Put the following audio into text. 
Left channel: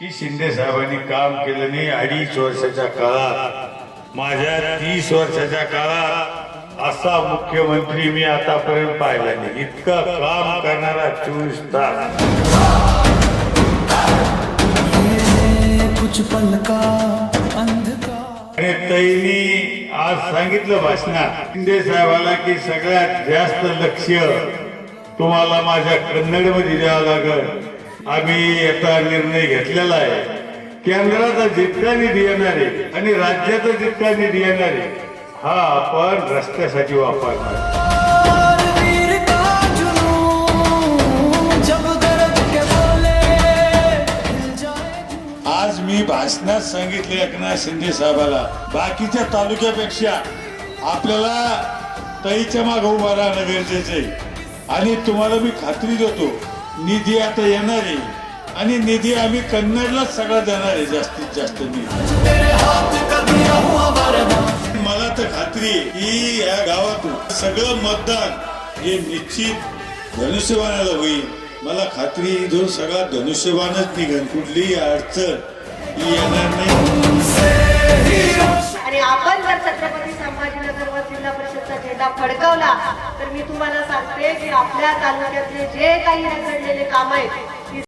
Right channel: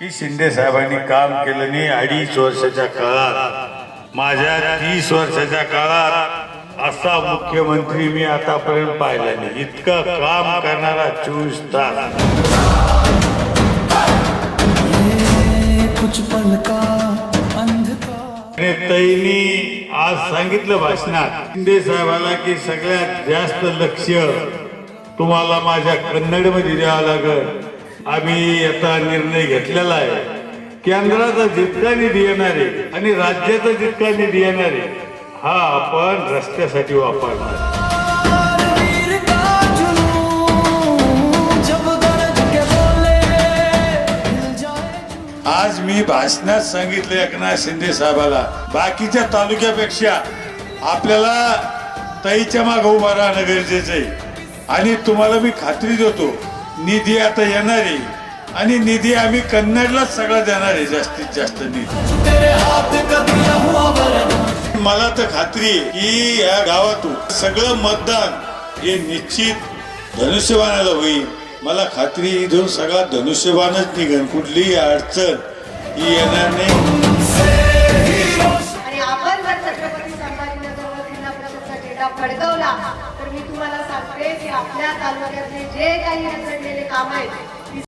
की शिंदे साहेबांनी काम केलं नाही 2.5 वर्षाच्या काळात। माझ्या 30 वर्षाच्या काळात असा मुख्यमंत्री मी आतापर्यंत पाहिला नाही। इतकं काम करणारा 24 तास। कुछ पल का अंधकार। तैनी आज सांगितलं भाषणात शिंदे साहेबाला की सगळ्यात जास्त लक्ष तुम्हाला माझ्या कन्नडमध्ये द्यावं लागेल। आम्ही आता निर्णय घेतलेला आहे, केंद्राचा जितका निधी येणार आहे आणि राज्याचा जितका निधी येणार आहे हा आपण रस्त्यासाठी वापरणार। वीर का जुनून जब गरज के बोले हिल जाए जुनून। आज मी भाषणात सांगितलं एकनाथ शिंदे साहेबाला बाकीच्या तालुक्यापेक्षा आपल्याला ताईच्या मागे उभा राहणं गरजेचं आहे। आणि तुम्हाला मी खात्री देतो निधी आता येणार आहे आणि निधी आम्ही कन्नडलाच सगळा देणार आहे, जास्तीत जास्त निधी। तेरे हाथ कदिया हुआ वरदान। मला तर खात्री आहे की या गावातून सगळं मतदान हे निश्चित धनुष्यबाणाला होईल। मला खात्री इथून सगळा धनुष्यबाणच निघेल, कुठलीही अडचण ही येणार नाही। आणि आपण जर छत्रपती संभाजीनगरवर जिल्हा परिषदचा झेंडा फडकवला तर मी तुम्हाला सांगते की आपल्या तालुक्यातले जे काही रखडलेले काम आहेत